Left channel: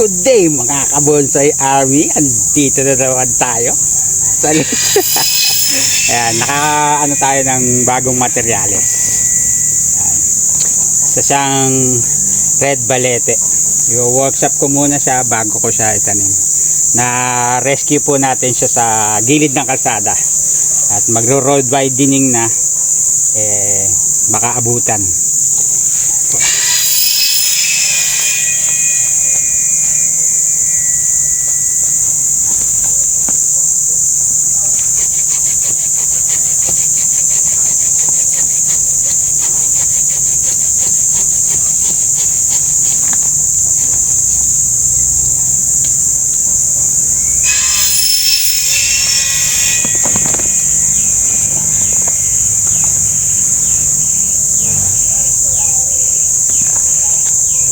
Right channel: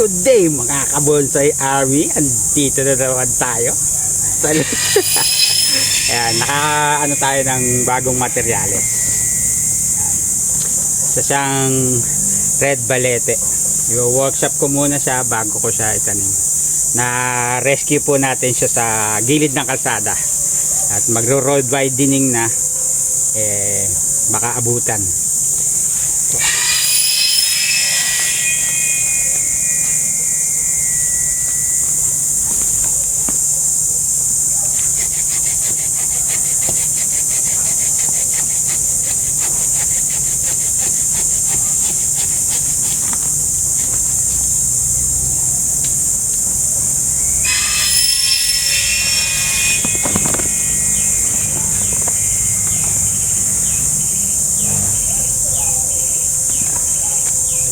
Good day mga ka-bonsai army. Andito na naman tayo. Ayan, naka-ano tayo ng bagong materyales. Ayan. Sa siyang red balete. I-workshop ko muna siya bago ko siya itanim. Na-rescue po natin siya sa gilid ng kalsada. At magro-road widening na. Baka abutan.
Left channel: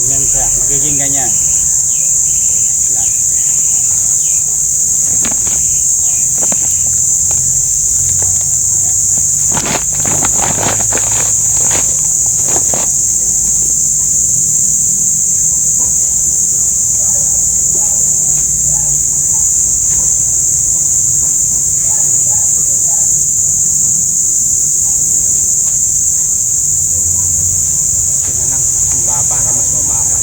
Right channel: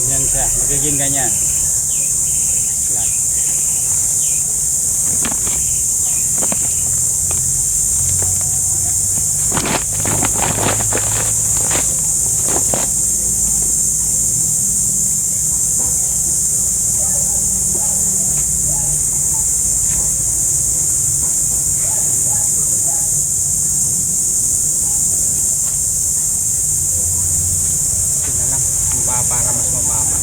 Ganyan siya, magiging ganyan. Flat. Ito na lang, para mas mababa.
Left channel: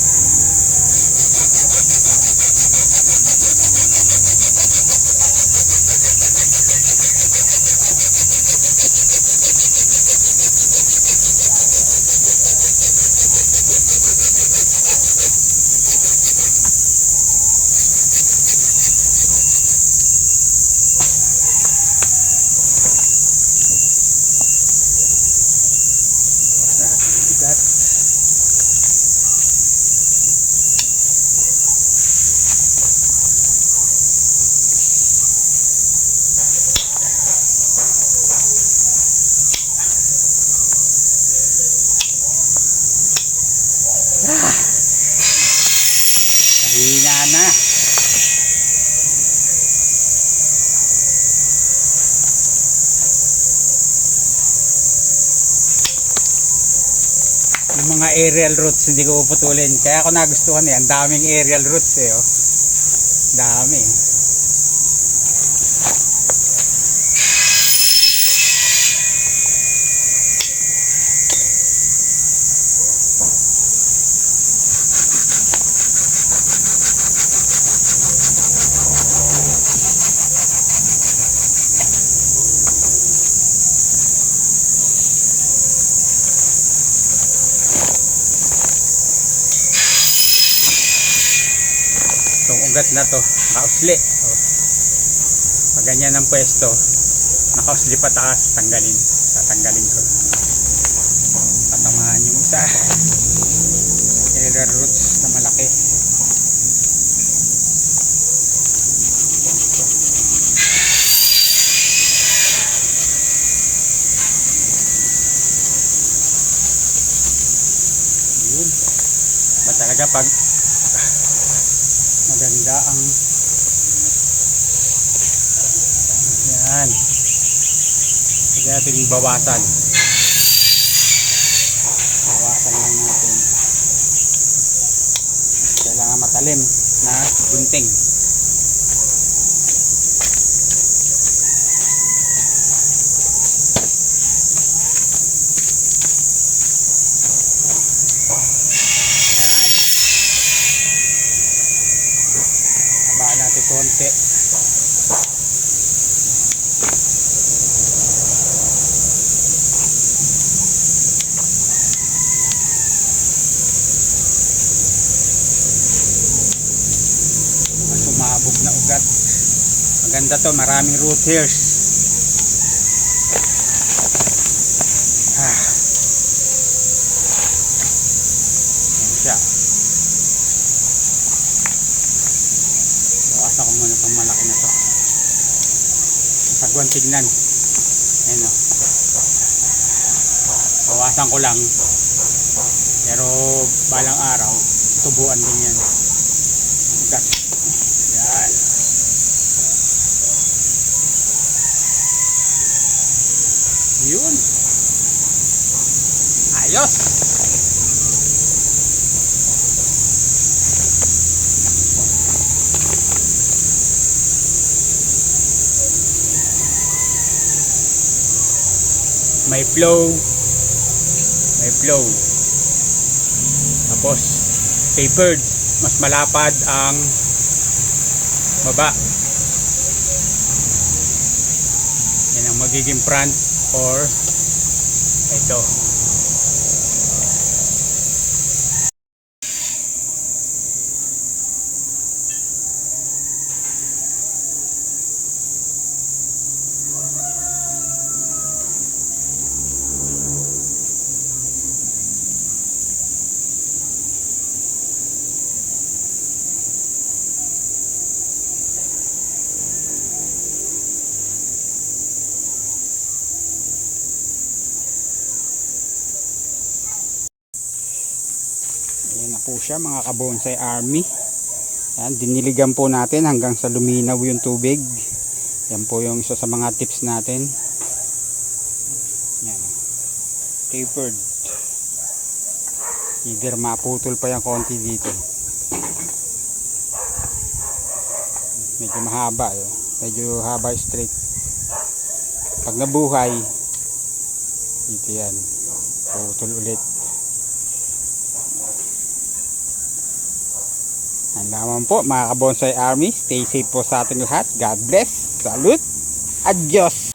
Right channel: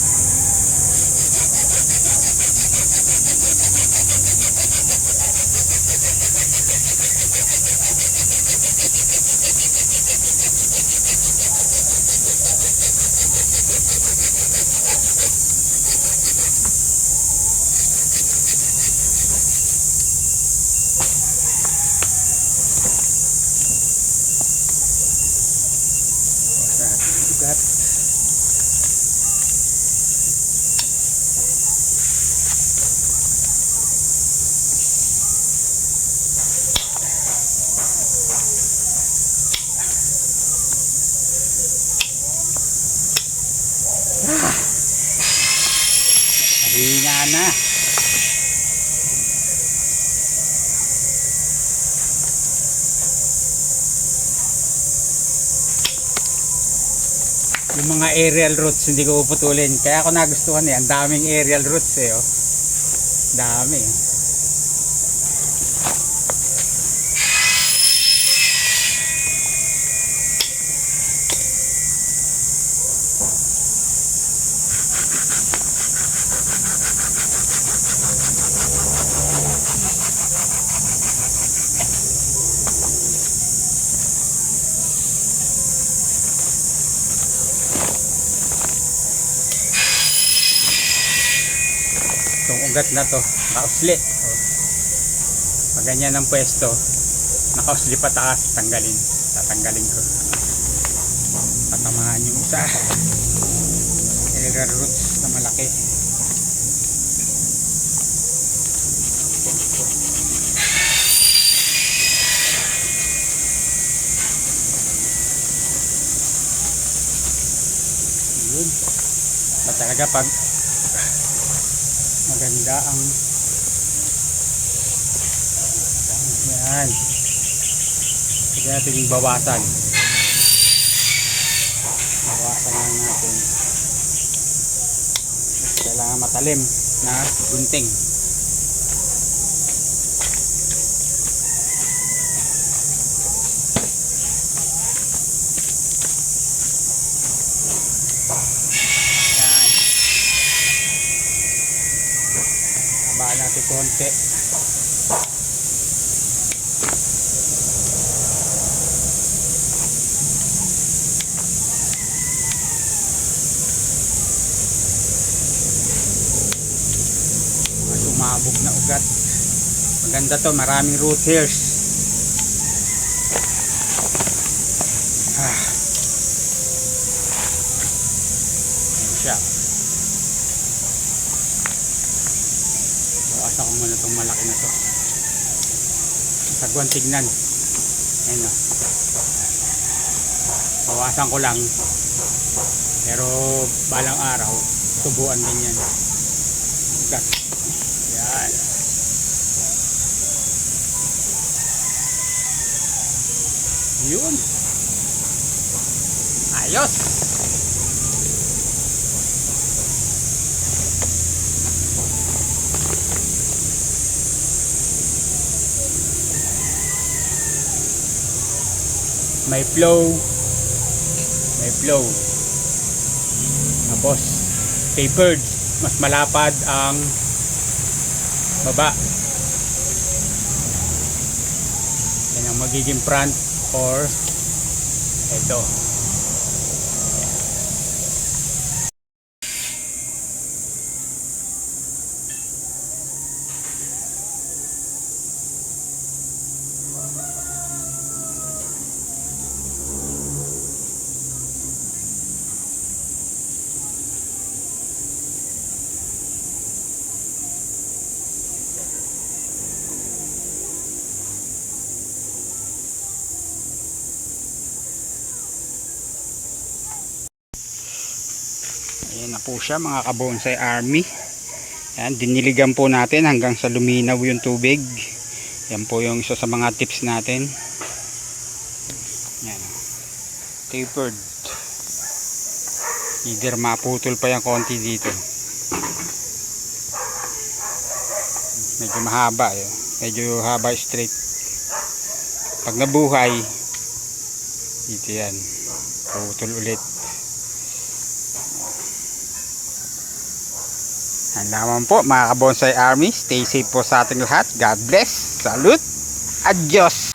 Sa ating ugat. Hina na. Yung mga aerial roots hindi ko puputulin. Kaya ako nagustuhan eh. Ang daming aerial roots eh. Oh. Dami. Itong ugat na to, nakausli. Oh. Pag ganyan ang pwesto, nakausli pataas, tatanggalin ko. Tatamahan yung isa. Aerial roots na malaki. Yun. Ba talaga pag maganda ang yan, pwede natin bawasan lang natin. Kailangan matalim na gunting. Habaan natin konti. Mga sumabog na ugat. Maganda to, maraming root hairs. Ayan siya. Bawasan ko muna itong malaki na to. Sagwan tignan. Ayan o. Bawasan ko lang. Pero balang araw, tubuan din yan. Ugat. Yan. Yun. Ayos. may flow. Tapos tapered, mas malapad ang baba. Yan ang magiging front or ito. Ayan na po siya mga kabonsai army. Ayan, diniligan po natin hanggang sa luminaw yung tubig. Yan po yung isa sa mga tips natin. Ayan, tapered. Either maputol pa yung konti dito. Medyo mahaba yun. Medyo haba straight. Pag nabuhay, dito yan. Putol ulit. Yan naman po mga kabonsai army. Stay safe po sa ating lahat. God bless. Salute. Adios.